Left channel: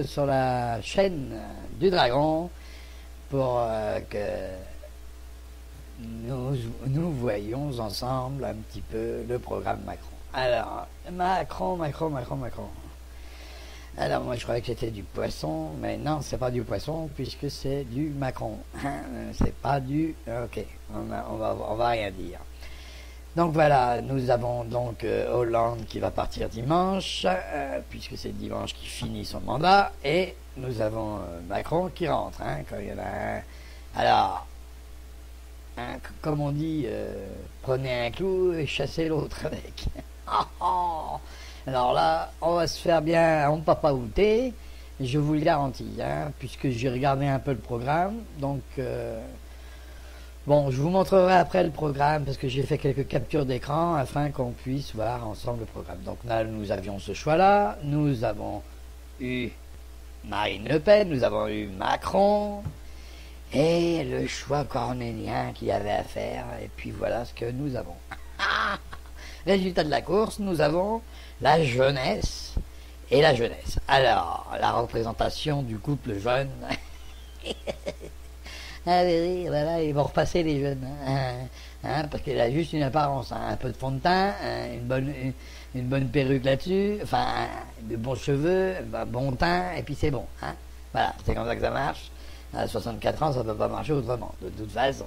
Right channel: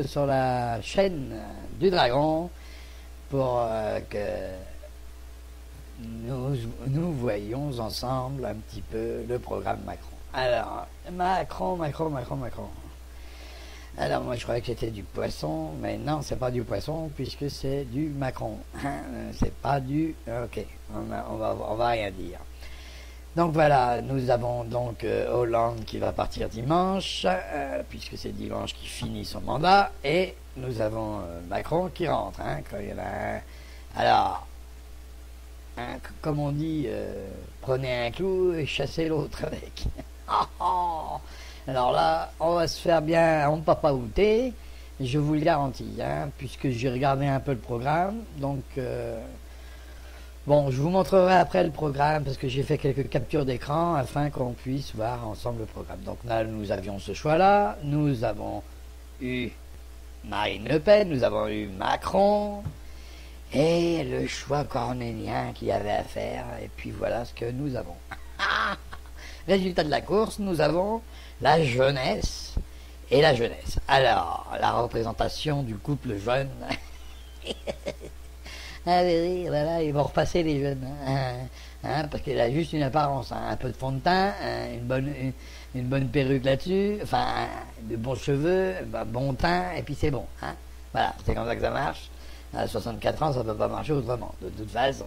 tous sur la chaîne du Dragon pour que nous voyons ensemble un petit peu le programme Macron. Alors, Macron. Alors moi je croyais que c'était du poisson, mais non, c'est pas du poisson puisque c'est du Macron. C'est pas du... Ok, on va rien dire. Donc voilà, nous avons donc Hollande qui va partir dimanche, puisque c'est dimanche qui finit son mandat, et nous avons Macron qui rentre. Alors, comme on dit, prenez un clou et chassez l'autre avec. Alors là, on va se faire bien en papaouter, je vous le garantis, puisque j'ai regardé un peu le programme, donc... Bon, je vous montrerai après le programme parce que j'ai fait quelques captures d'écran afin qu'on puisse voir ensemble le programme. Donc là, nous avions ce choix-là. Nous avons eu Marine Le Pen, nous avons eu Macron et le choix cornélien qu'il y avait à faire. Et puis voilà ce que nous avons. Résultat de la course, nous avons la jeunesse et la jeunesse. Alors, la représentation du couple jeune... Allez, voilà, ils vont repasser les jeunes, parce qu'il a juste une apparence, un peu de fond de teint, une bonne perruque là-dessus, enfin, de bons cheveux, un bon teint, et puis c'est bon. Voilà, c'est comme ça que ça marche. À 64 ans, ça ne peut pas marcher autrement, de toute façon.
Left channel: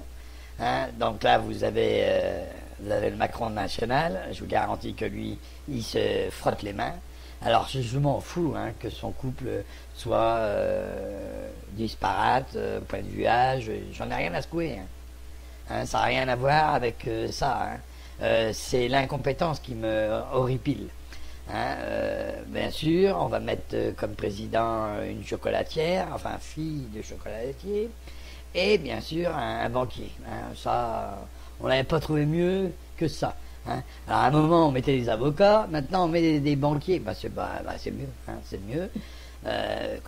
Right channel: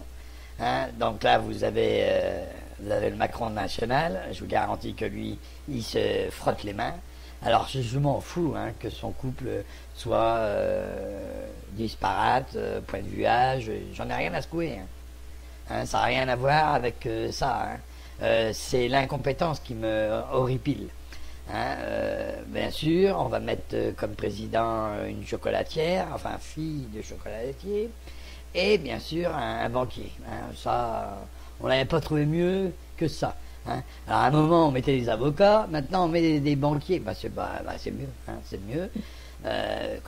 Donc là, vous avez le Macron national, je vous garantis que lui, il se frotte les mains. Alors, je m'en fous que son couple soit... disparate, point de vue âge, j'en ai rien à secouer. Ça n'a rien à voir avec ça. C'est l'incompétence qui me horripile. Bien sûr, on va mettre comme président une chocolatière, enfin fille de chocolatier, et bien sûr un banquier. Ça, on n'avait pas trouvé mieux que ça. Alors à un moment on mettait des avocats, maintenant on met des banquiers, c'est mieux, c'est mieux.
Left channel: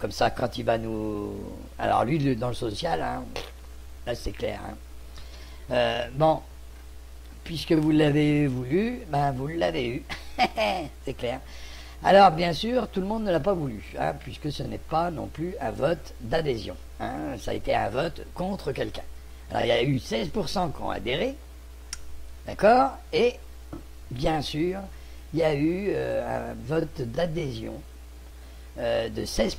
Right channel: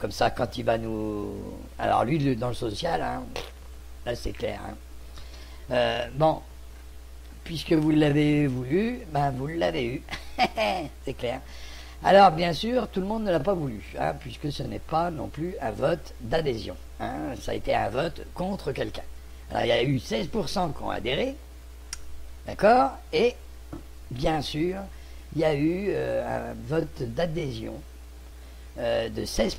Comme ça, quand il va nous... Alors lui, dans le social, là c'est clair. Bon, puisque vous l'avez voulu, vous l'avez eu. C'est clair. Alors bien sûr, tout le monde ne l'a pas voulu, puisque ce n'est pas non plus un vote d'adhésion. Ça a été un vote contre quelqu'un. Alors il y a eu 16% qui ont adhéré, d'accord, et bien sûr, il y a eu un vote d'adhésion de 16%.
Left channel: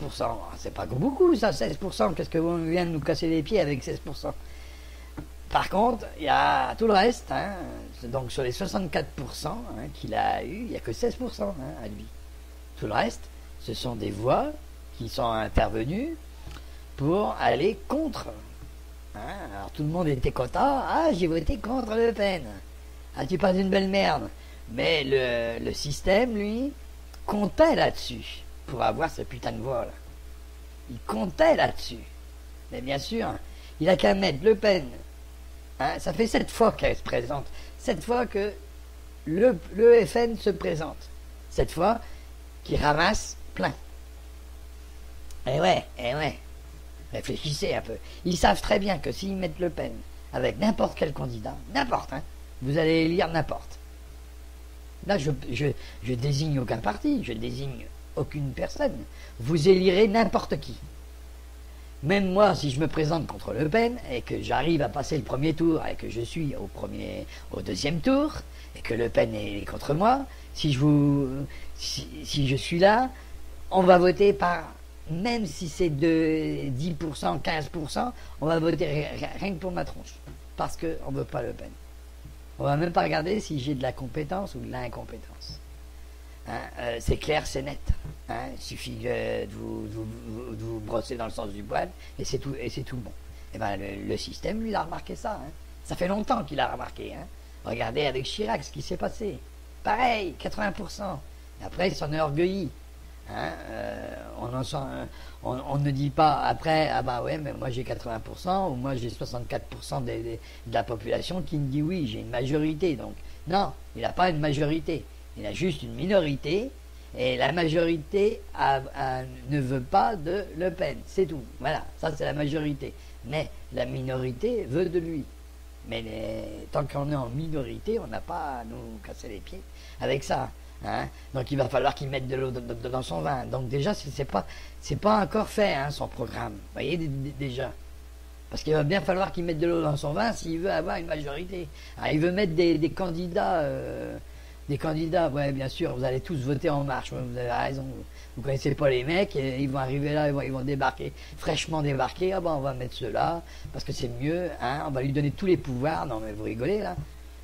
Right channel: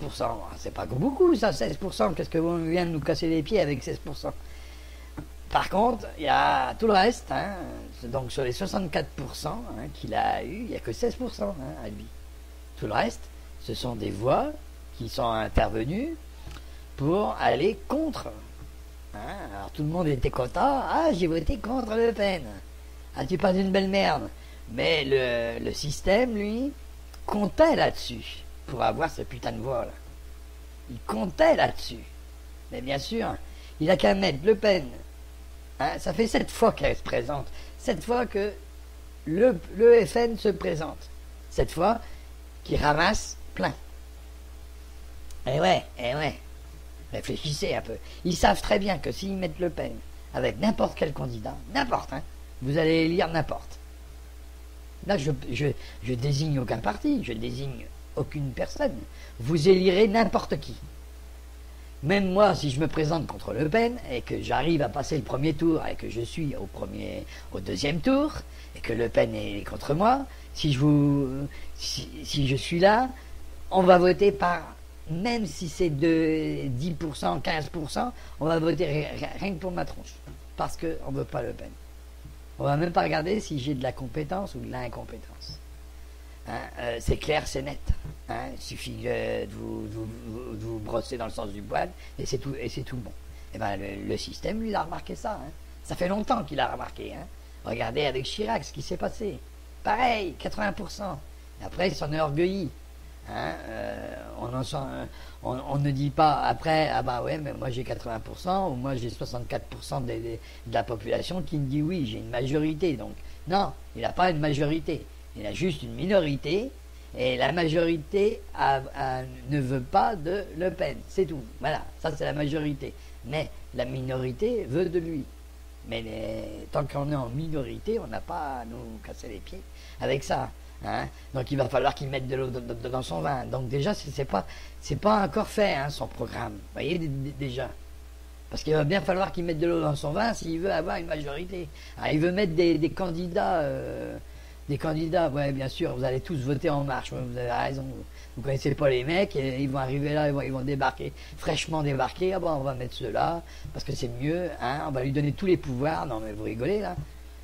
C'est pas beaucoup ça, 16%. Qu'est-ce que vous vient de nous casser les pieds avec 16%? Par contre, il y a tout le reste. Donc sur les 64% qu'il a eu, il n'y a que 16% à lui. Tout le reste, ce sont des voix qui sont intervenues pour aller contre. Alors tout le monde était content. J'ai voté contre Le Pen. C'est pas une belle merde. Mais le système, lui, comptait là-dessus pour avoir ce putain de voix là. Il comptait là-dessus. Mais bien sûr, il a qu'à mettre Le Pen. Ça fait 7 fois qu'elle se présente. 7 fois que le FN se présente. 7 fois qu'il ramasse plein. Eh ouais. Réfléchissez un peu. Ils savent très bien que s'ils mettent Le Pen avec n'importe quel candidat, n'importe, vous allez élire n'importe. Là, je désigne aucun parti, je désigne aucune personne. Vous élirez n'importe qui. Même moi, si je me présente contre Le Pen et que j'arrive à passer le premier tour et que je suis au deuxième tour et que Le Pen est contre moi, si je suis là, on va voter par, même si c'est de 10%, 15%, on va voter rien que pour ma tronche. Parce qu'on ne veut pas Le Pen. On va même pas regarder si j'ai de la compétence ou de l'incompétence. C'est clair, c'est net. Il suffit de vous brosser dans le sens du poil et c'est tout bon. Et le système, lui, il a remarqué ça. Ça fait longtemps qu'il a remarqué. Regardez avec Chirac ce qui s'est passé. Pareil, 80%. Et après, il s'en est orgueilli. On ne dit pas après, mais moi j'ai 80%, ou moi j'ai 64% de la population qui me dit oui, j'ai une majorité. Donc, non, il n'a pas une majorité. Il a juste une minorité, et la majorité ne veut pas de Le Pen, c'est tout. Voilà, ça c'est la majorité. Mais la minorité veut de lui. Mais tant qu'on est en minorité, on n'a pas à nous casser les pieds avec ça. Hein. Donc il va falloir qu'il mette de l'eau dans son vin. Donc déjà, c'est pas encore fait, hein, son programme. Vous voyez, déjà. Parce qu'il va bien falloir qu'il mette de l'eau dans son vin s'il veut avoir une majorité. Alors, il veut mettre des candidats, ouais, bien sûr, vous allez tous voter En Marche, vous avez raison. Vous connaissez pas les mecs, et ils vont arriver là, ils vont débarquer, fraîchement débarquer, ah ben on va mettre ceux-là, parce que c'est mieux, hein, on va lui donner tous les pouvoirs. Non mais vous rigolez là,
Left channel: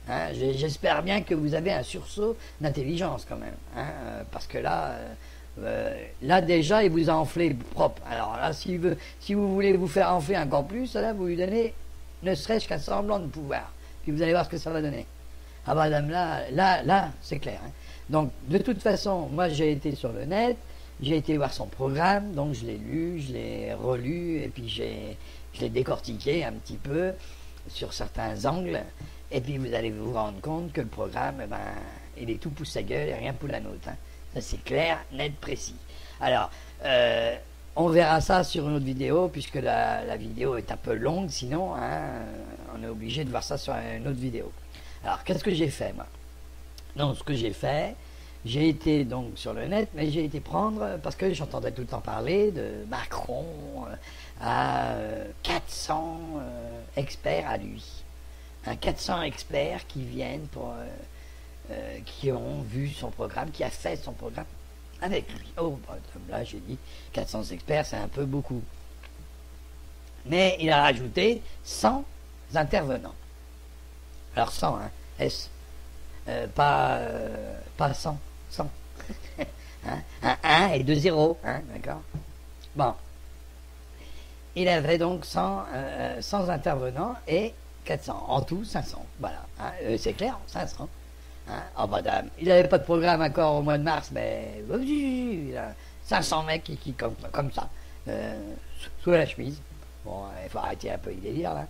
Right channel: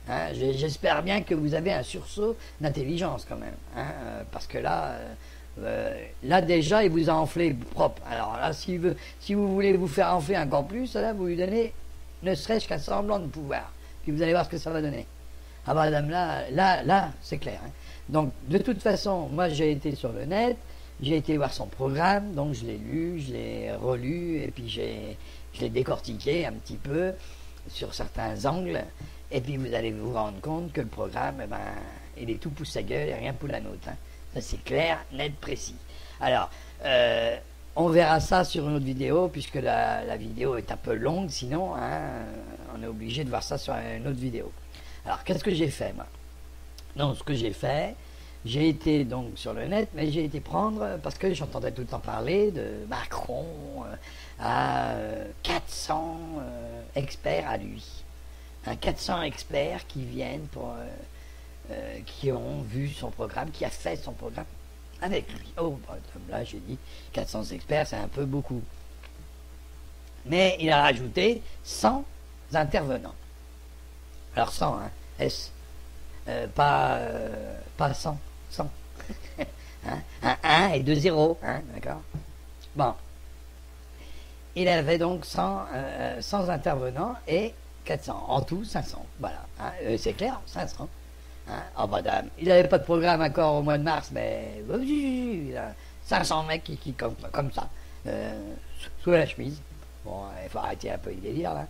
hein, j'espère bien que vous avez un sursaut d'intelligence quand même, hein, parce que là déjà il vous a enflé propre. Alors là si vous voulez vous faire enfler encore plus, là vous lui donnez ne serait-ce qu'un semblant de pouvoir, puis vous allez voir ce que ça va donner. Ah bah là c'est clair, hein. Donc de toute façon moi j'ai été sur le net, j'ai été voir son programme, donc je l'ai lu, je l'ai relu, et puis je l'ai décortiqué un petit peu sur certains angles, et puis vous allez vous rendre compte que le programme, eh ben, il est tout pour sa gueule et rien pour la nôtre. Hein. Ça c'est clair, net, précis. Alors, on verra ça sur une autre vidéo, puisque la vidéo est un peu longue, sinon, hein, on est obligé de voir ça sur une autre vidéo. Alors, qu'est-ce que j'ai fait, moi? Donc, ce que j'ai fait, j'ai été donc sur le net, mais j'ai été prendre, parce que j'entendais tout le temps parler de Macron à 400 experts à lui. 400 experts qui viennent qui ont vu son programme, qui a fait son programme avec lui. Oh, là j'ai dit 400 experts, c'est un peu beaucoup. Mais il a rajouté 100 intervenants. Alors 100, hein, S. Pas 100. 100. Hein, un 1 et 2 0. Hein, d'accord. Bon. Il avait donc 100 intervenants et 400. En tout, 500. Voilà. Hein, c'est clair, 500. Hein, oh madame. Il n'avait pas de programme encore au mois de mars, mais il a 500 mecs qui comme ça. Sous la chemise. Bon, il faut arrêter un peu les délires là.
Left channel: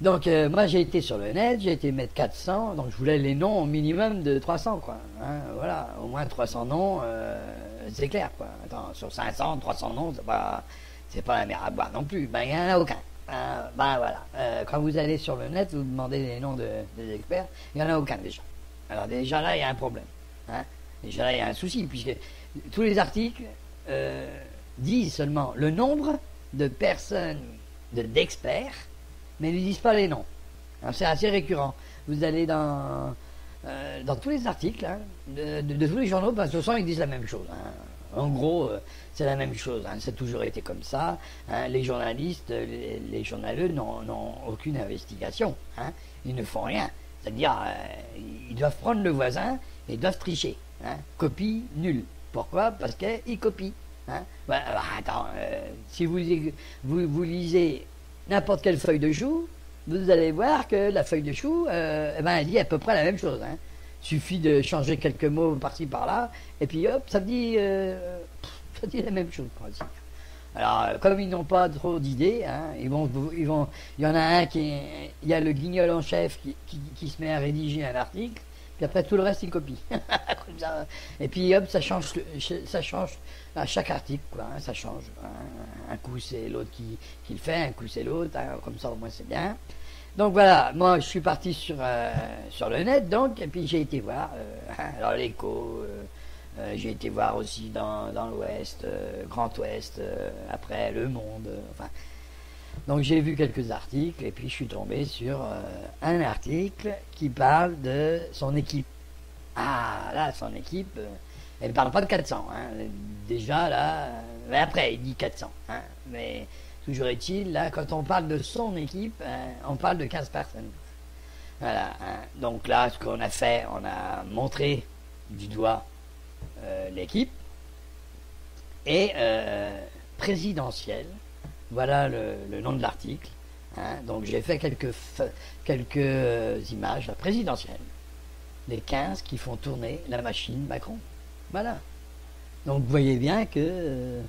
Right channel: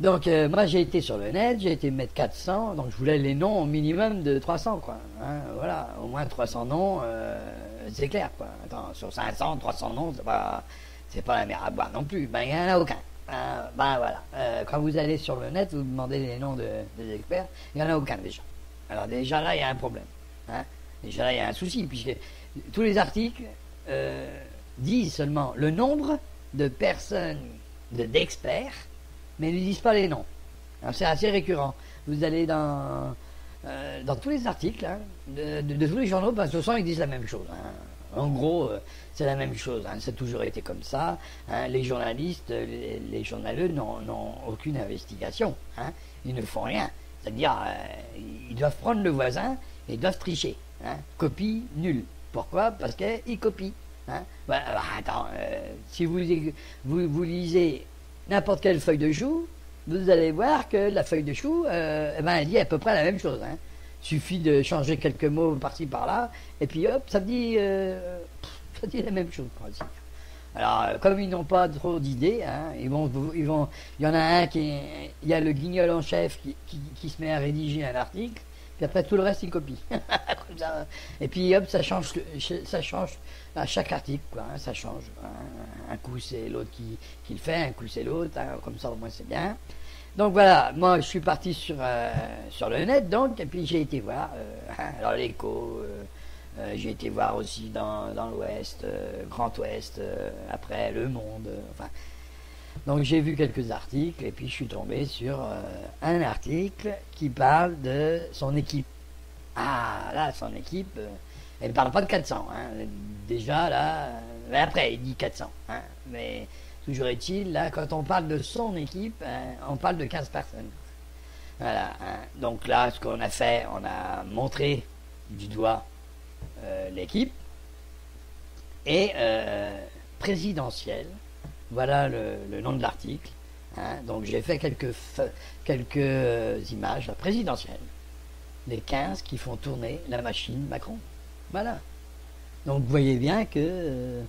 Donc moi j'ai été sur le net, j'ai été mettre 400, donc je voulais les noms au minimum de 300 quoi. Hein, voilà, au moins 300 noms, c'est clair quoi. Attends, sur 500, 300 noms, c'est pas la mer à boire non plus. Ben il n'y en a aucun. Ben voilà, quand vous allez sur le net, vous demandez les noms des experts, il n'y en a aucun déjà. Alors déjà là il y a un problème. Hein. Déjà là il y a un souci, puisque tous les articles disent seulement le nombre de personnes, d'experts, mais ils ne disent pas les noms. C'est assez récurrent. Vous allez dans tous les articles, hein, de tous les journaux, ben, de toute façon, ils disent la même chose. Hein. En gros, c'est la même chose. Hein. Ça a toujours été comme ça. Hein. Les journalistes, les journalistes n'ont aucune investigation. Hein. Ils ne font rien. C'est-à-dire, ils doivent prendre le voisin et ils doivent tricher. Hein. Copie nulle. Pourquoi? Parce qu'ils copient. Hein. Ben, alors, attends, si vous lisez n'importe quelle feuille de chou, vous allez voir que la feuille de chou, elle dit à peu près la même chose. Hein. Suffit de changer quelques mots par-ci par-là, et puis hop, ça dit la même chose. Alors, comme ils n'ont pas trop d'idées, hein, il y en a un il y a le guignol en chef qui se met à rédiger un article, puis après tout le reste il copie. Comme ça. Et puis hop, ça change à chaque article, quoi, hein, ça change. Un coup c'est l'autre qui le fait, un coup c'est l'autre, hein, comme ça au moins c'est bien. Donc voilà, moi je suis parti sur le net donc, et puis j'ai été voir, alors l'Écho, j'ai été voir aussi dans l'Ouest, Grand Ouest, après Le Monde, enfin. Donc j'ai vu quelques articles et puis je suis tombé sur un article qui parle de son équipe. Ah là, son équipe, elle ne parle pas de 400. Hein. Déjà là, mais après il dit 400. Hein. Mais toujours est-il, là, quand on parle de son équipe, on parle de 15 personnes. Voilà. Hein. Donc là, ce qu'on a fait, on a montré du doigt l'équipe et présidentielle. Voilà le nom de l'article. Hein. Donc j'ai fait quelques images présidentielles des 15 qui font tourner la machine Macron. Voilà. Donc vous voyez bien que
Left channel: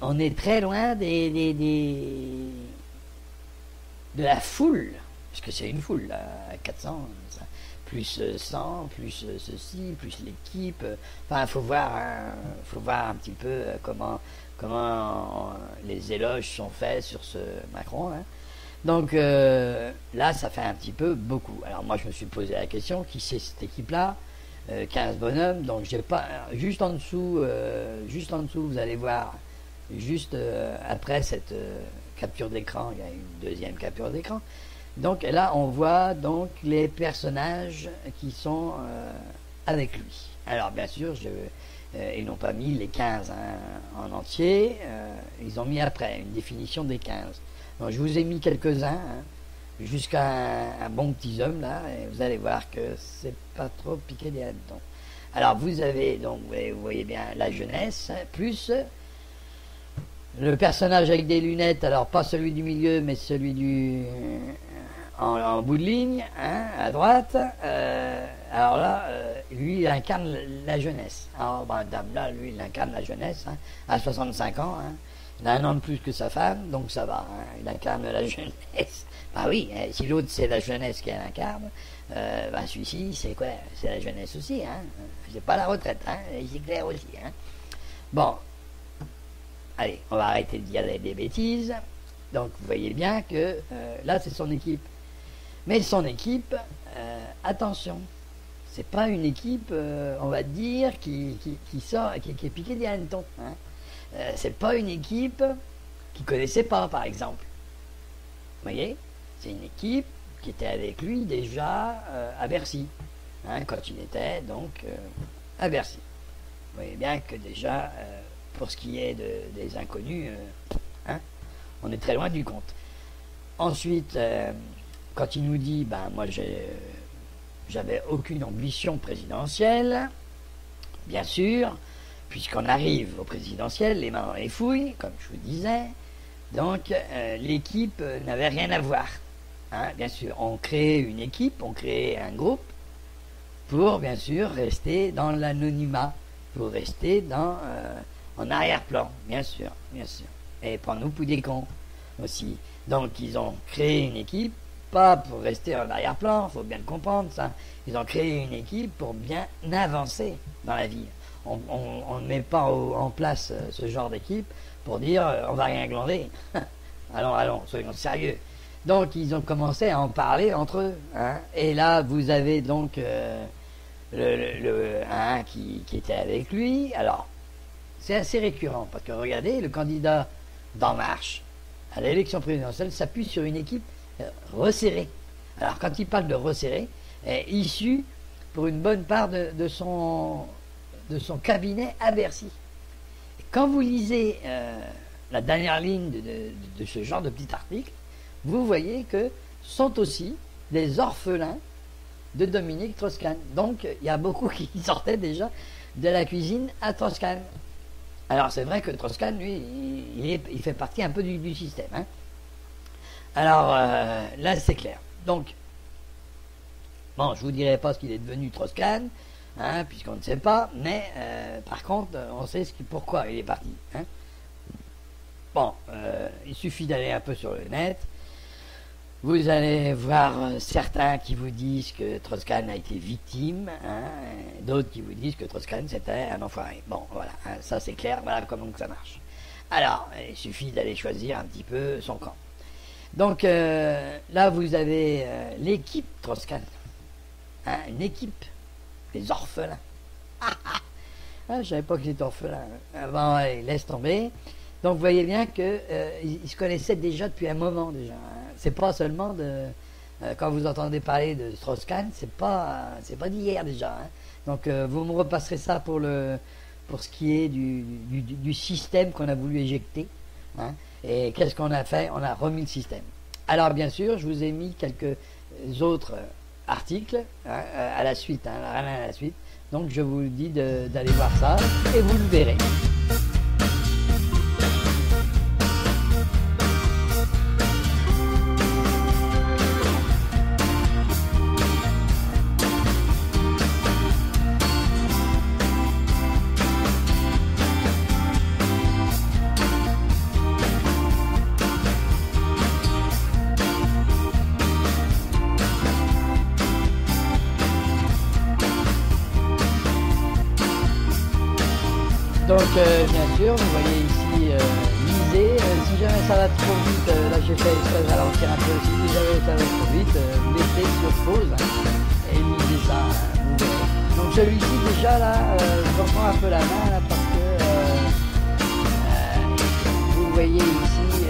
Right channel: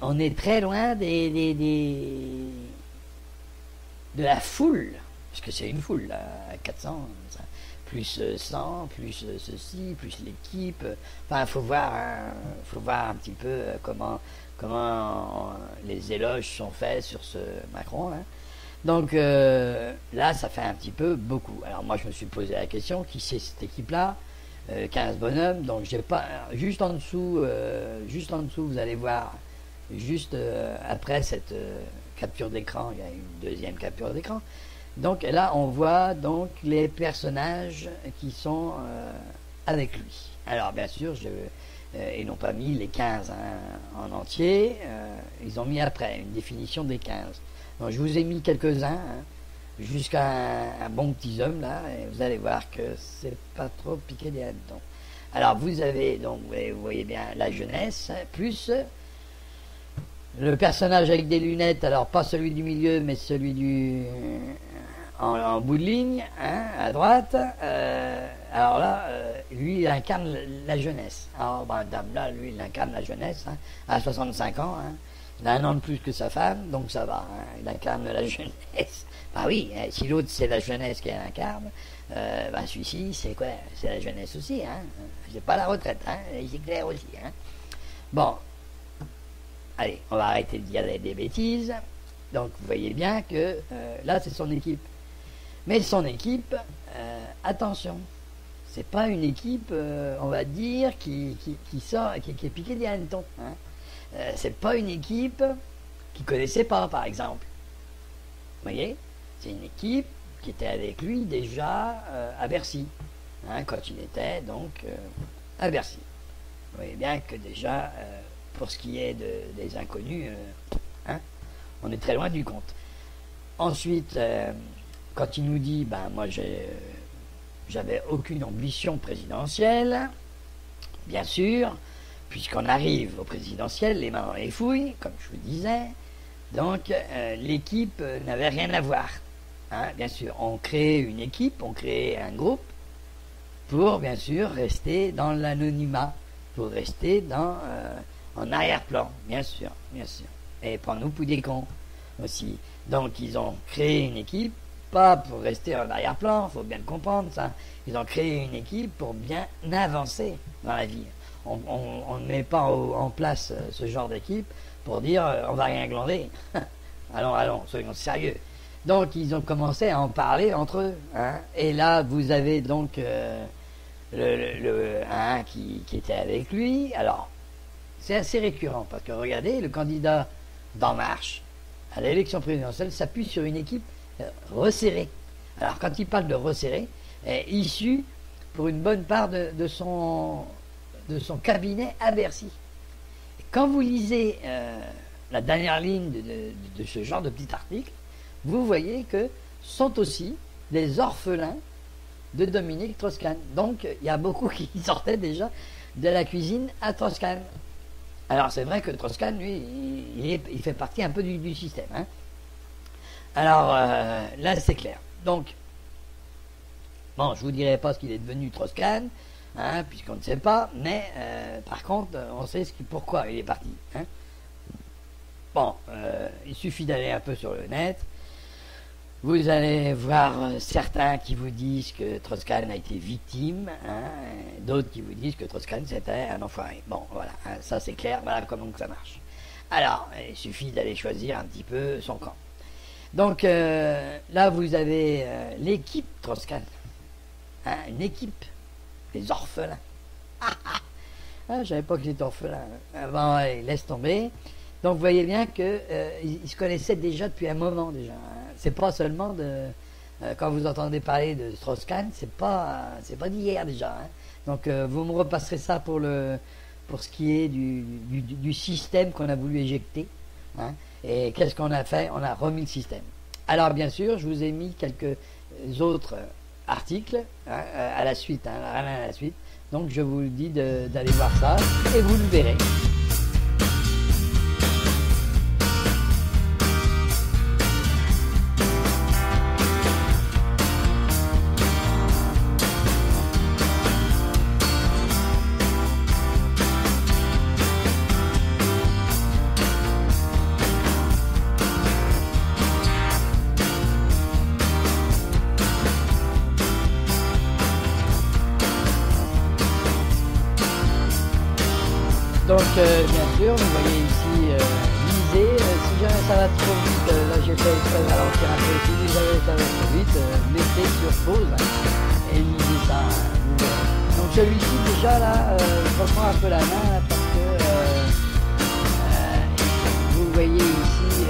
on est très loin de la foule, puisque c'est une foule, là, 400, plus 100, plus ceci, plus l'équipe. Enfin, il faut voir un petit peu comment les éloges sont faits sur ce Macron. Hein. Donc là, ça fait un petit peu beaucoup. Alors moi, je me suis posé la question, qui c'est cette équipe-là? 15 bonhommes. Donc j'ai pas juste en dessous, vous allez voir, juste après cette capture d'écran, il y a une deuxième capture d'écran. Donc là, on voit donc les personnages qui sont avec lui. Alors bien sûr, ils n'ont pas mis les 15 en entier, ils ont mis après une définition des 15. Donc je vous ai mis quelques-uns, jusqu'à un bon petit homme là, et vous allez voir que c'est pas trop piqué des hannetons. Alors vous avez donc, vous voyez bien la jeunesse, plus le personnage avec des lunettes, alors pas celui du milieu, mais celui en bout de ligne, à droite. Alors là, lui, il incarne la jeunesse. Alors, madame là, lui, il incarne la jeunesse, à 65 ans. Il a un an de plus que sa femme, donc ça va. Il incarne la jeunesse. Bah oui, si l'autre c'est la jeunesse qui incarne, celui-ci, c'est quoi? C'est la jeunesse aussi, c'est pas la retraite, c'est clair aussi. Bon, allez, on va arrêter de dire des bêtises. Donc, vous voyez bien que là, c'est son équipe. Mais son équipe, attention, c'est pas une équipe, on va dire, qui est piquée des hannetons. C'est pas une équipe qu'il connaissait pas, par exemple. Vous voyez, c'est une équipe qui était avec lui déjà à Bercy, quand il était donc à Bercy. Vous voyez bien que déjà, pour ce qui est des inconnus, on est très loin du compte. Ensuite, quand il nous dit, moi j'avais aucune ambition présidentielle, bien sûr, puisqu'on arrive au présidentiel, les mains dans les fouilles, comme je vous disais, donc l'équipe n'avait rien à voir. Bien sûr, on crée une équipe, on crée un groupe, pour bien sûr rester dans l'anonymat, pour rester en arrière-plan, bien sûr, et prendre nous pour des cons aussi. Donc ils ont créé une équipe, pas pour rester en arrière-plan, faut bien le comprendre ça. Ils ont créé une équipe pour bien avancer dans la vie. On ne met pas en place ce genre d'équipe pour dire on va rien glander. allons, soyons sérieux. Donc ils ont commencé à en parler entre eux. Et là vous avez donc un qui était avec lui. Alors c'est assez récurrent parce que regardez, le candidat d'En Marche à l'élection présidentielle s'appuie sur une équipe resserrée. Alors quand il parle de resserré, issu pour une bonne part de son cabinet à Bercy. Et quand vous lisez la dernière ligne de ce genre de petit article, vous voyez que sont aussi des orphelins de Dominique Strauss-Kahn. Donc il y a beaucoup qui sortaient déjà de la cuisine à Strauss-Kahn. Alors c'est vrai que Strauss-Kahn, lui, il fait partie un peu du système. Alors là c'est clair. Donc, bon, je vous dirai pas ce qu'il est devenu Strauss-Kahn, puisqu'on ne sait pas, mais par contre on sait pourquoi il est parti. Bon, il suffit d'aller un peu sur le net. Vous allez voir certains qui vous disent que Strauss-Kahn a été victime, d'autres qui vous disent que Strauss-Kahn c'était un enfoiré. Bon, voilà, ça c'est clair, voilà comment ça marche. Alors, il suffit d'aller choisir un petit peu son camp. Donc là, vous avez l'équipe Strauss-Kahn, une équipe, les orphelins. Je savais pas que c'était orphelin. Bon, allez, laisse tomber. Donc vous voyez bien qu'ils se connaissaient déjà depuis un moment déjà. C'est pas seulement quand vous entendez parler de Strauss-Kahn, c'est pas d'hier déjà. Donc vous me repasserez ça pour ce qui est du système qu'on a voulu éjecter. Et qu'est-ce qu'on a fait? On a remis le système. Alors bien sûr, je vous ai mis quelques autres articles à la suite, à la suite. Donc je vous dis d'aller voir ça et vous le verrez. Bien sûr, vous voyez ici lisez, si jamais ça va trop vite, j'ai fait exprès de ralentir un peu, si jamais ça va trop vite, mettez sur pause et lisez ça. Donc celui-ci déjà là, je reprends un peu la main parce que vous voyez ici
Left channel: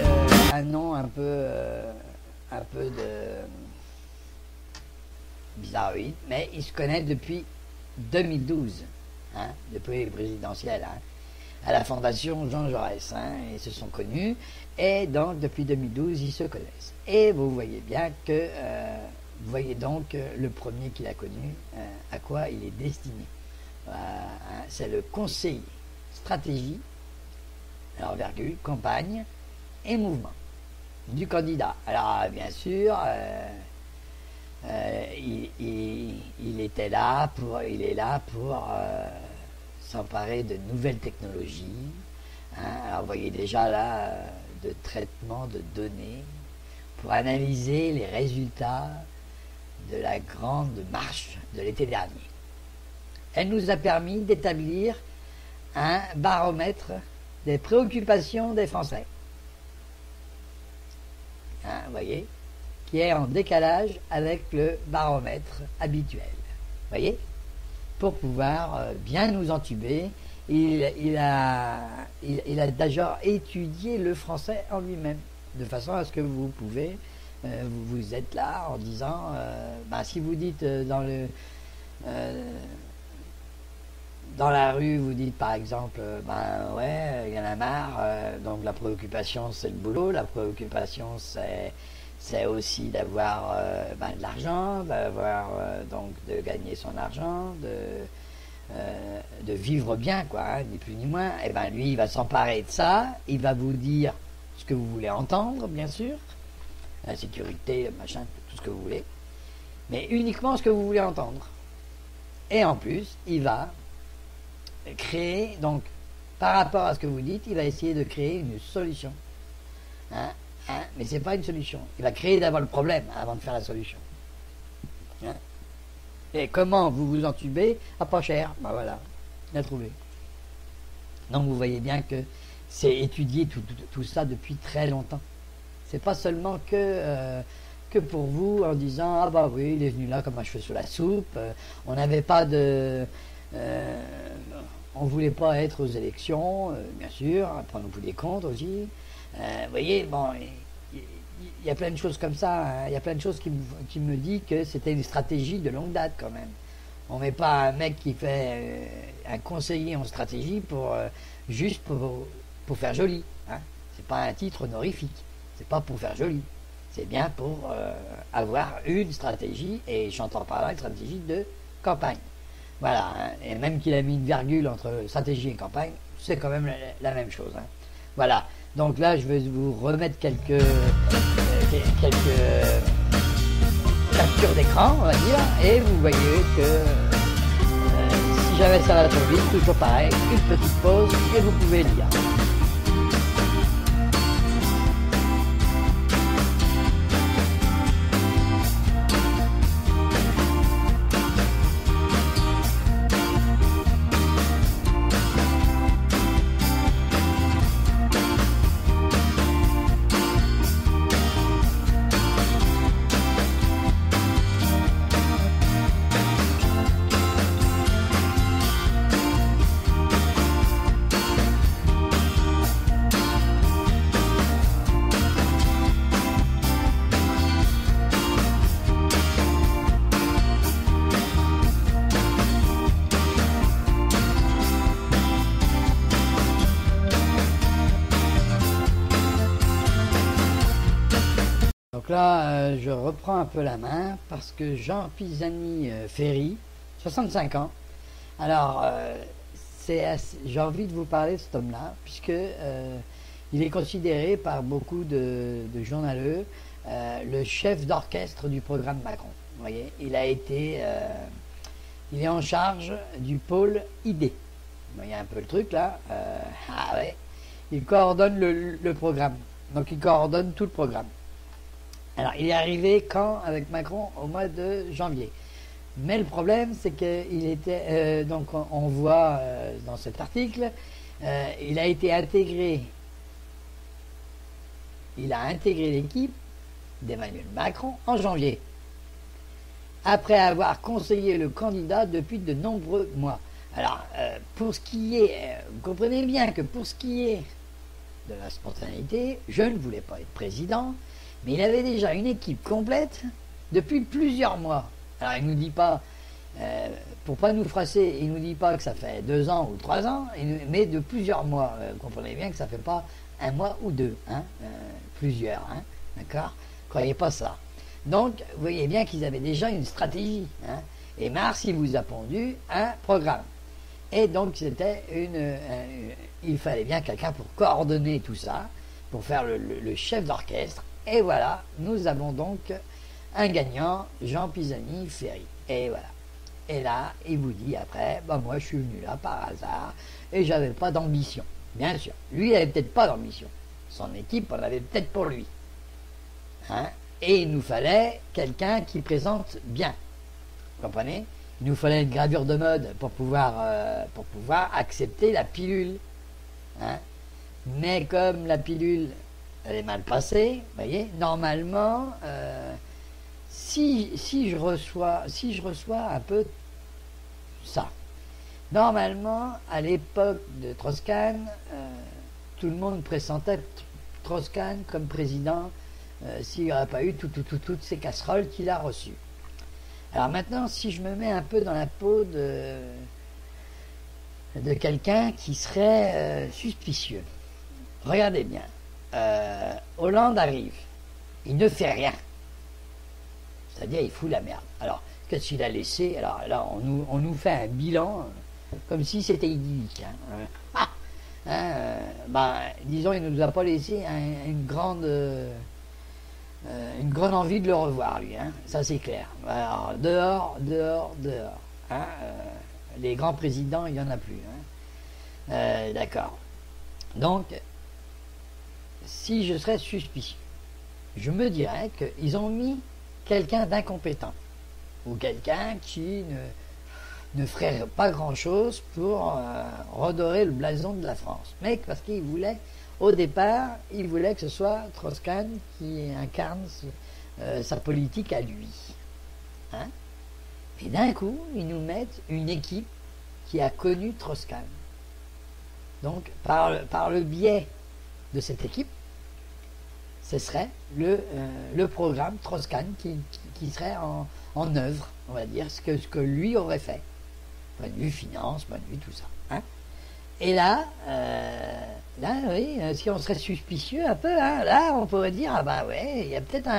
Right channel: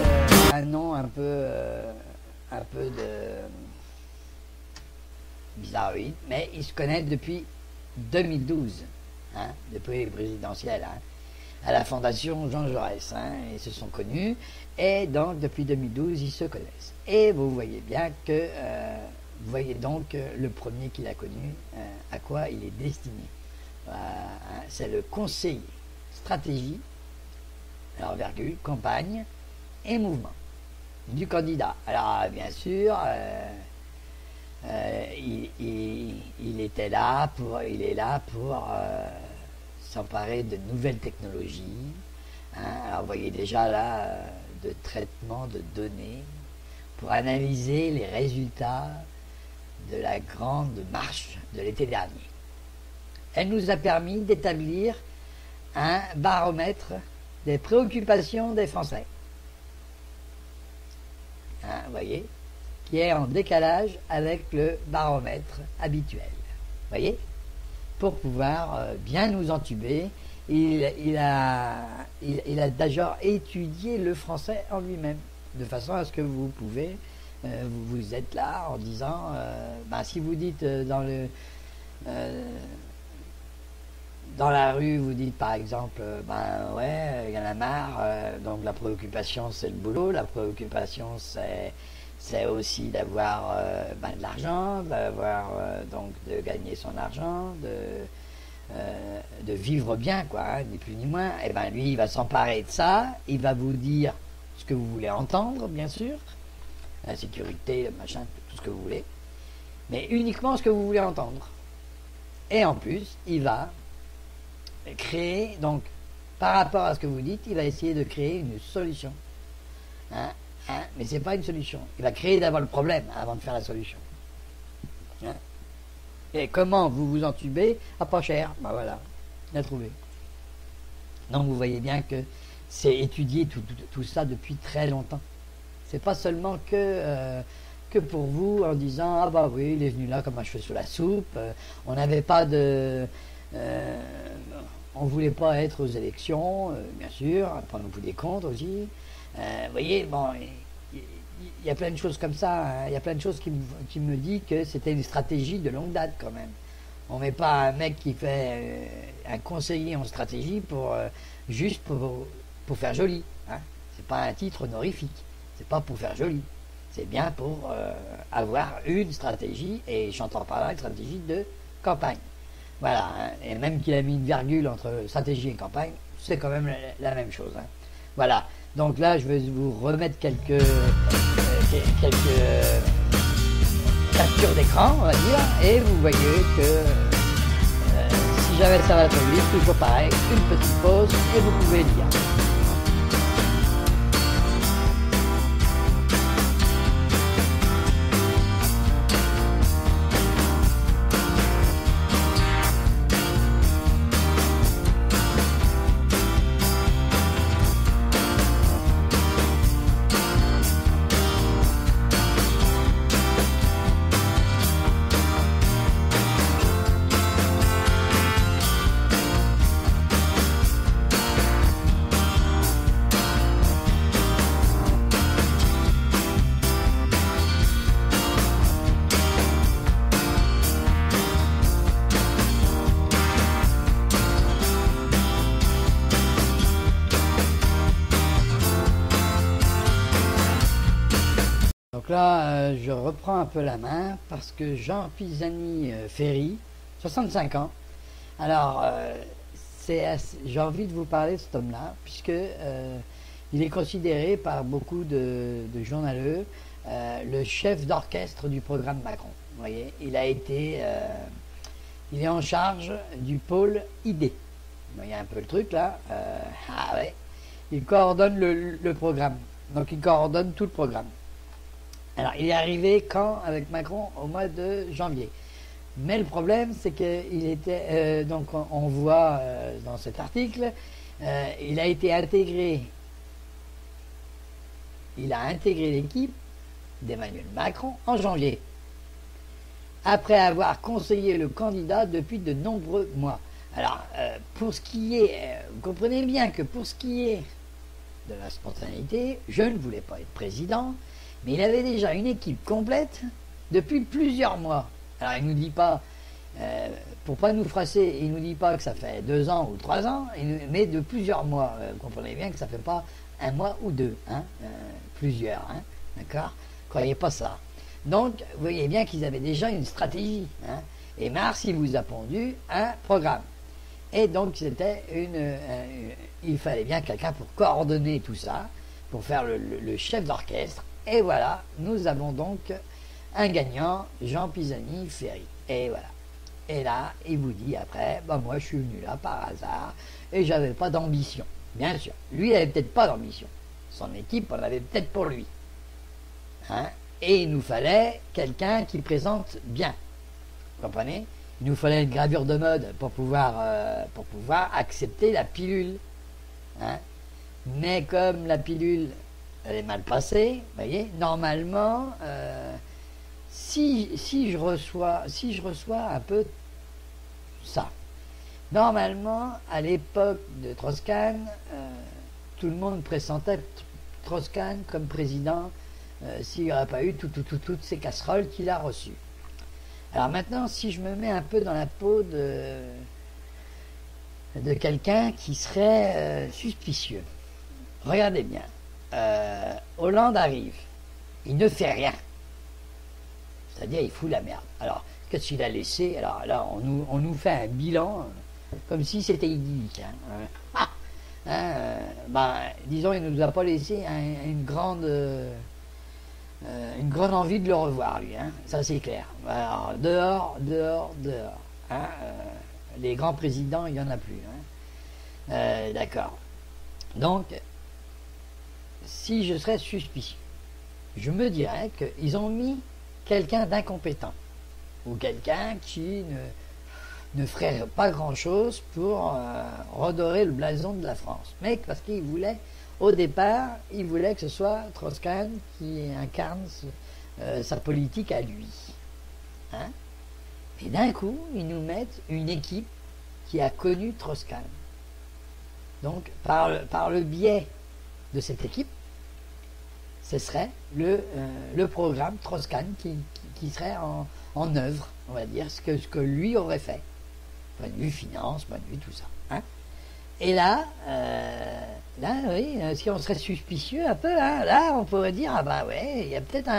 un nom un peu de bizarroïde, mais il se connaît depuis 2012, hein, depuis les présidentielles, hein, à la fondation Jean Jaurès, hein, ils se sont connus, et donc depuis 2012 ils se connaissent. Et vous voyez bien que, vous voyez donc le premier qu'il a connu, à quoi il est destiné. C'est le conseil stratégie, alors virgule, campagne et mouvement du candidat. Alors bien sûr, il est là pour s'emparer de nouvelles technologies. Hein. Alors vous voyez déjà là de traitement de données pour analyser les résultats de la grande marche de l'été dernier. Elle nous a permis d'établir un baromètre des préoccupations des Français. Hein, vous voyez, qui est en décalage avec le baromètre habituel. Vous voyez, pour pouvoir bien nous entuber, il a déjà étudié le français en lui-même, de façon à ce que vous pouvez, vous êtes là en disant, si vous dites dans la rue, vous dites par exemple, ouais, il y en a marre, donc la préoccupation c'est le boulot, la préoccupation c'est aussi d'avoir de l'argent, donc de gagner son argent, de vivre bien, quoi, hein, ni plus ni moins. Et lui, il va s'emparer de ça, il va vous dire ce que vous voulez entendre, bien sûr, la sécurité, le machin, tout ce que vous voulez, mais uniquement ce que vous voulez entendre. Et en plus, il va créer, donc, par rapport à ce que vous dites, il va essayer de créer une solution. Mais c'est pas une solution. Il va créer d'abord le problème avant de faire la solution. Hein. Et comment vous vous entubez? Pas cher. Voilà, il a trouvé. Donc vous voyez bien que c'est étudié tout ça depuis très longtemps. C'est pas seulement que pour vous en disant ah bah oui, il est venu là comme un cheveu sur la soupe. On n'avait pas de on voulait pas être aux élections, bien sûr, prendre le bout des comptes aussi. Vous voyez, bon, il y a plein de choses comme ça. Hein. Il y a plein de choses qui me disent que c'était une stratégie de longue date quand même. On met pas un mec qui fait un conseiller en stratégie juste pour faire joli. Hein. C'est pas un titre honorifique. C'est pas pour faire joli. C'est bien pour avoir une stratégie, et j'entends par là une stratégie de campagne. Voilà, et même qu'il a mis une virgule entre stratégie et campagne, c'est quand même la même chose. Hein. Voilà, donc là je vais vous remettre quelques captures d'écran, on va dire, et vous voyez que si j'avais ça sur le livre, toujours pareil, une petite pause, et vous pouvez lire. Donc là, je reprends un peu la main parce que Jean Pisani-Ferry, 65 ans, alors j'ai envie de vous parler de cet homme-là, puisque il est considéré par beaucoup de journaleux le chef d'orchestre du programme Macron. Vous voyez, il est en charge du pôle ID. Vous voyez un peu le truc là. Ouais. Il coordonne le programme. Donc il coordonne tout le programme. Alors, il est arrivé quand avec Macron? Au mois de janvier. Mais le problème, c'est qu'il était, donc on voit dans cet article, il a été intégré, il a intégré l'équipe d'Emmanuel Macron en janvier. après avoir conseillé le candidat depuis de nombreux mois. Alors, pour ce qui est, vous comprenez bien que pour ce qui est de la spontanéité, je ne voulais pas être président, mais il avait déjà une équipe complète depuis plusieurs mois. Alors, il ne nous dit pas, pour pas nous froisser, il ne nous dit pas que ça fait 2 ans ou 3 ans, mais de plusieurs mois. Vous comprenez bien que ça ne fait pas 1 mois ou 2, hein, plusieurs, hein, d'accord? Croyez pas ça. Donc, vous voyez bien qu'ils avaient déjà une stratégie, hein, et Mars, il vous a pondu un programme. Et donc, c'était il fallait bien quelqu'un pour coordonner tout ça, pour faire le chef d'orchestre. Et voilà, nous avons donc un gagnant, Jean Pisani Ferry. Et voilà. Et là, il vous dit après, bah moi je suis venu là par hasard et j'avais pas d'ambition. Bien sûr, lui il avait peut-être pas d'ambition. Son équipe en avait peut-être pour lui. Hein? Et il nous fallait quelqu'un qui présente bien. Vous comprenez? Il nous fallait une gravure de mode pour pouvoir accepter la pilule. Hein? Mais comme la pilule elle est mal passée, vous voyez, normalement, si je reçois un peu ça, normalement, à l'époque de Strauss-Kahn, tout le monde pressentait Strauss-Kahn comme président s'il n'y aurait pas eu toutes ces casseroles qu'il a reçues. Alors maintenant, si je me mets un peu dans la peau de quelqu'un qui serait suspicieux, regardez bien, Hollande arrive, il ne fait rien, c'est-à-dire il fout la merde. Alors, qu'est-ce qu'il a laissé? Alors là, on nous fait un bilan comme si c'était idyllique. Disons, il nous a pas laissé une grande envie de le revoir, lui. Hein. Ça, c'est clair. Alors, dehors. Hein. Les grands présidents, il n'y en a plus. Hein. D'accord. Donc, si je serais suspicieux, je me dirais qu'ils ont mis quelqu'un d'incompétent ou quelqu'un qui ne ferait pas grand-chose pour redorer le blason de la France. Mais parce qu'il voulait, au départ, il voulait que ce soit Strauss-Kahn qui incarne sa politique à lui. Hein? Et d'un coup, ils nous mettent une équipe qui a connu Strauss-Kahn. Donc, par le biais de cette équipe, ce serait le programme Strauss-Kahn qui serait en œuvre, on va dire, ce que lui aurait fait. Point de vue finance, point de vue tout ça. Hein. Et là, oui, si on serait suspicieux un peu, hein, là, on pourrait dire, ah bah ouais, il y a peut-être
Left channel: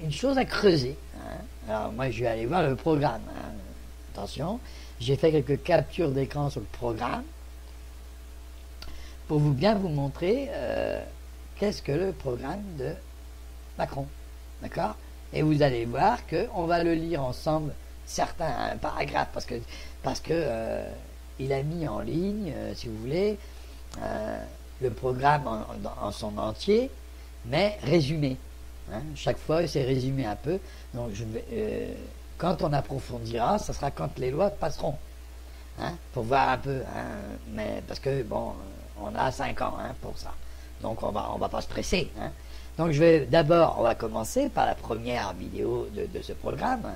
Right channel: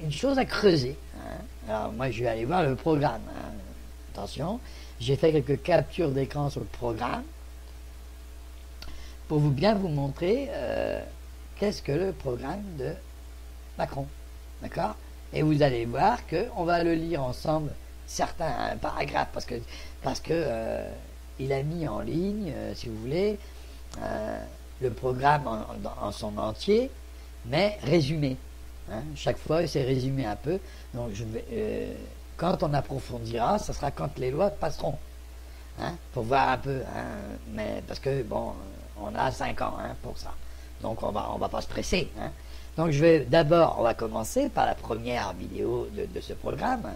une chose à creuser. Hein. Alors moi, je vais aller voir le programme. Hein. Attention, j'ai fait quelques captures d'écran sur le programme pour bien vous montrer qu'est-ce que le programme de Macron. D'accord? Et vous allez voir qu'on va le lire ensemble, certains paragraphes, parce que il a mis en ligne, si vous voulez, le programme en son entier, mais résumé. Hein? Chaque fois, c'est résumé un peu. Donc, quand on approfondira, ce sera quand les lois passeront. Hein? Pour voir un peu. Hein? Mais parce que, bon, on a 5 ans hein, pour ça. Donc, on va pas se presser. Hein? Donc, on va commencer par la première vidéo de ce programme.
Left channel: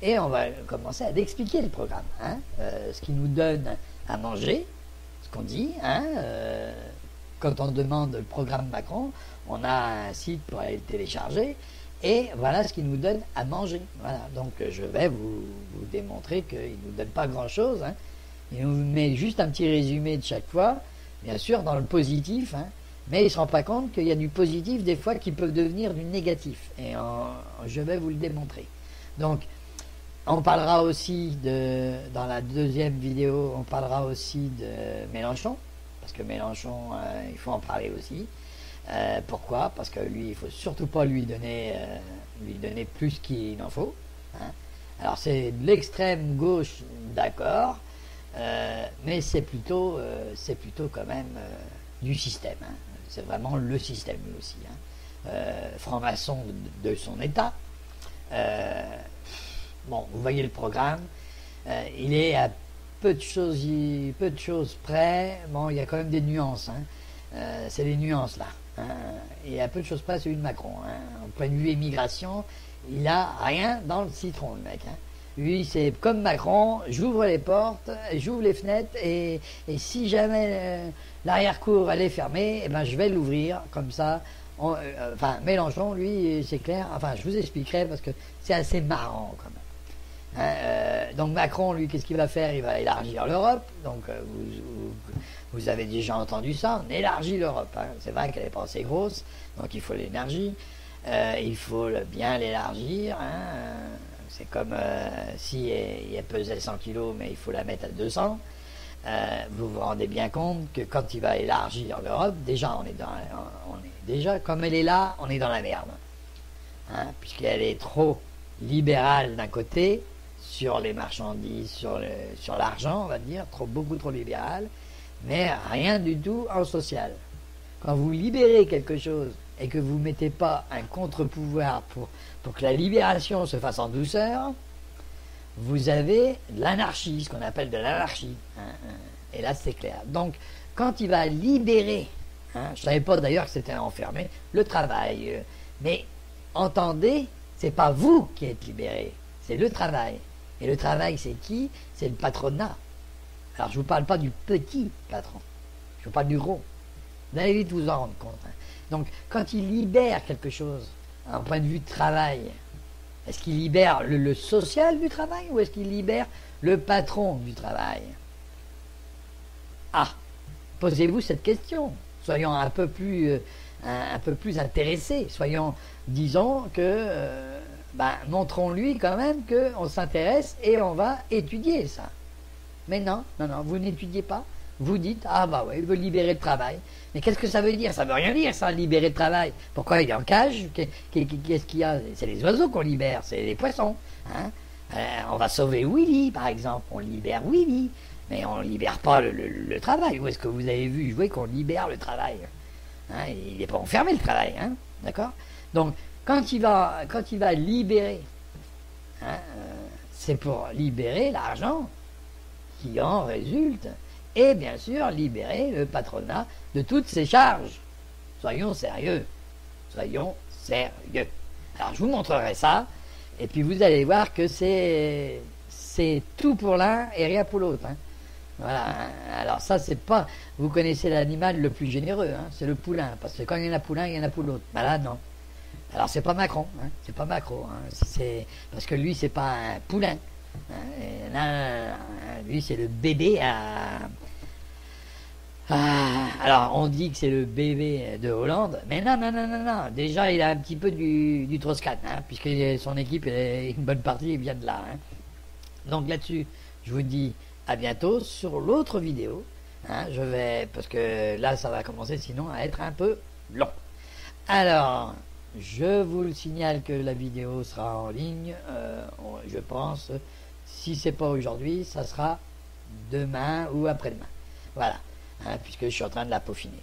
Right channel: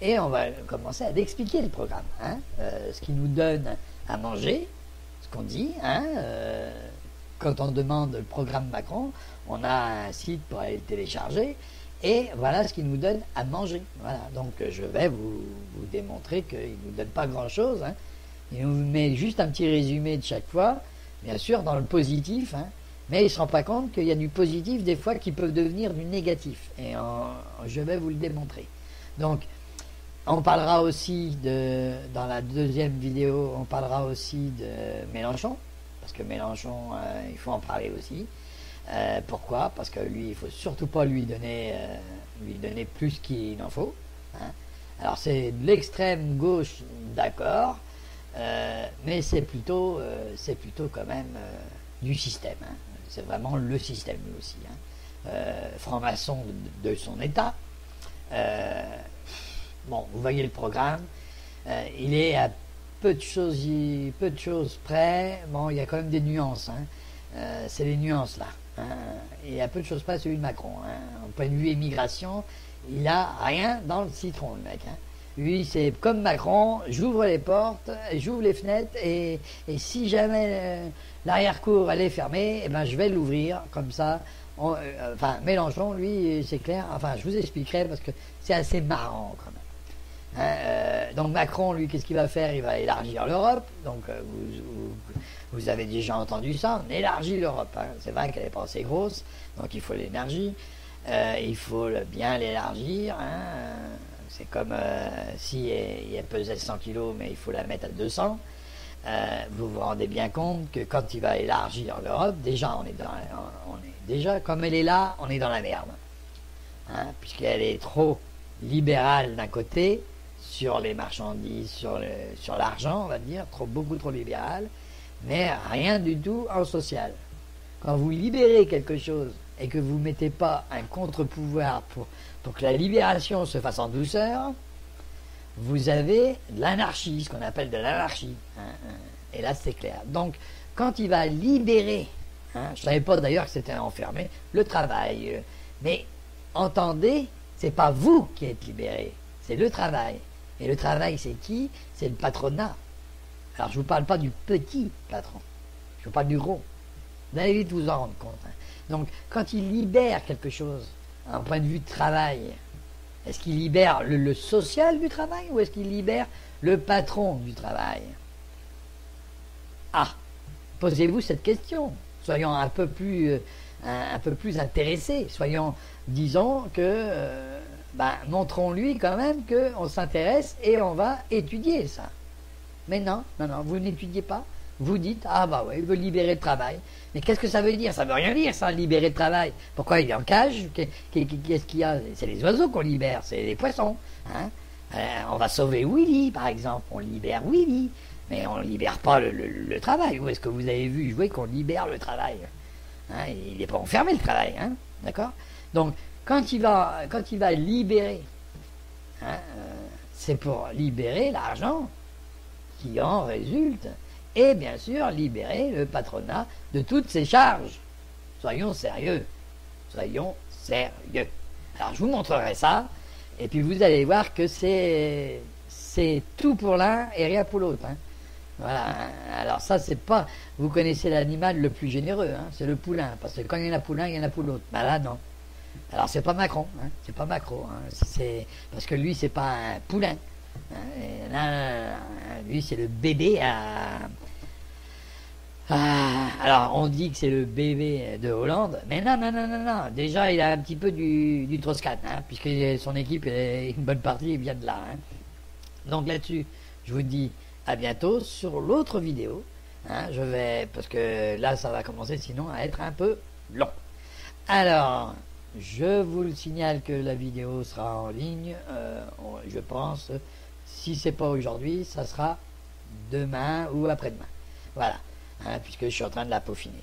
Et on va commencer à expliquer le programme. Hein? Ce qui nous donne à manger, ce qu'on dit. Hein? Quand on demande le programme Macron, on a un site pour aller le télécharger. Et voilà ce qu'il nous donne à manger. Voilà. Donc je vais vous démontrer qu'il ne nous donne pas grand-chose. Hein. Il nous met juste un petit résumé de chaque fois, bien sûr dans le positif. Hein. Mais ils ne se rendent pas compte qu'il y a du positif des fois qui peuvent devenir du négatif. Et je vais vous le démontrer. Donc, on parlera aussi dans la deuxième vidéo, on parlera aussi de Mélenchon. Parce que Mélenchon, il faut en parler aussi. Pourquoi? Parce que lui, il faut surtout pas lui donner plus qu'il n'en faut. Hein. Alors c'est de l'extrême gauche, d'accord, mais c'est plutôt quand même du système. Hein. C'est vraiment le système lui aussi. Hein. Franc-maçon de son état. Bon, vous voyez le programme. Il est à peu de choses près. Bon, il y a quand même des nuances. Hein. C'est les nuances là. Et à peu de choses près celui de Macron. Hein. En point de vue immigration, il a rien dans le citron, le mec. Hein. Lui, c'est comme Macron, j'ouvre les portes, j'ouvre les fenêtres, et si jamais l'arrière-cour elle est fermée, eh ben, je vais l'ouvrir, comme ça. Enfin, Mélenchon, lui, c'est clair, enfin, je vous expliquerai, parce que c'est assez marrant, quand même. Donc Macron, lui, qu'est-ce qu'il va faire? Il va élargir l'Europe, donc vous avez déjà entendu ça, on élargit l'Europe. Hein. C'est vrai qu'elle n'est pas assez grosse, donc il faut l'énergie. Il faut bien l'élargir. Hein. C'est comme si elle pesait 100 kilos, mais il faut la mettre à 200. Vous vous rendez bien compte que quand il va élargir l'Europe, déjà, on est déjà, comme elle est là, on est dans la merde. Hein, puisqu'elle est trop libérale d'un côté, sur les marchandises, sur l'argent, on va dire, beaucoup trop libérale, mais rien du tout en social. Quand vous libérez quelque chose et que vous ne mettez pas un contre-pouvoir pour que la libération se fasse en douceur, vous avez de l'anarchie, ce qu'on appelle de l'anarchie. Et là, c'est clair. Donc, quand il va libérer, je ne savais pas d'ailleurs que c'était enfermé, le travail. Mais entendez, c'est pas vous qui êtes libéré, c'est le travail. Et le travail, c'est qui? C'est le patronat. Alors, je ne vous parle pas du petit patron, je vous parle du gros. Vous allez vite vous en rendre compte. Hein. Donc, quand il libère quelque chose, d'un point de vue de travail, est-ce qu'il libère le social du travail ou est-ce qu'il libère le patron du travail? Ah, posez-vous cette question. Soyons un peu plus intéressés. Disons que, montrons-lui quand même qu'on s'intéresse et on va étudier ça. Mais non, vous n'étudiez pas. Vous dites, ah bah oui, il veut libérer le travail. Mais qu'est-ce que ça veut dire? Ça veut rien dire, ça, libérer le travail. Pourquoi il est en cage? Qu'est-ce qu'il y a? C'est les oiseaux qu'on libère, c'est les poissons. Hein. On va sauver Willy, par exemple. On libère Willy. Mais on ne libère pas le travail. Où est-ce que vous avez vu jouer qu'on libère le travail? Hein, il n'est pas enfermé, le travail. Hein, d'accord? Donc, quand il va libérer, c'est pour libérer l'argent qui en résulte. Et bien sûr, libérer le patronat de toutes ses charges. Soyons sérieux. Alors, je vous montrerai ça, et puis vous allez voir que c'est tout pour l'un et rien pour l'autre. Hein. Voilà. Alors ça, c'est pas... Vous connaissez l'animal le plus généreux, hein, c'est le poulain. Parce que quand il y en a poulain, il y en a pour l'autre. Ben là, non. Alors c'est pas Macron, hein, c'est pas Macron. Hein, parce que lui, c'est pas un poulain. Lui, c'est le bébé alors, on dit que c'est le bébé de Hollande, mais non. Déjà, il a un petit peu du Troscan, hein, puisque son équipe, une bonne partie, vient de là. Hein. Donc là-dessus, je vous dis à bientôt sur l'autre vidéo. Hein, parce que là, ça va commencer sinon à être un peu long. Alors, je vous signale que la vidéo sera en ligne, je pense. Si c'est pas aujourd'hui, ça sera demain ou après-demain. Voilà, hein, puisque je suis en train de la peaufiner.